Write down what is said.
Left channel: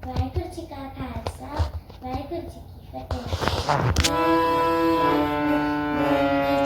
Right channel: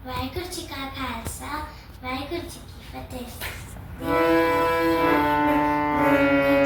वाहसा वाहसा की फतेह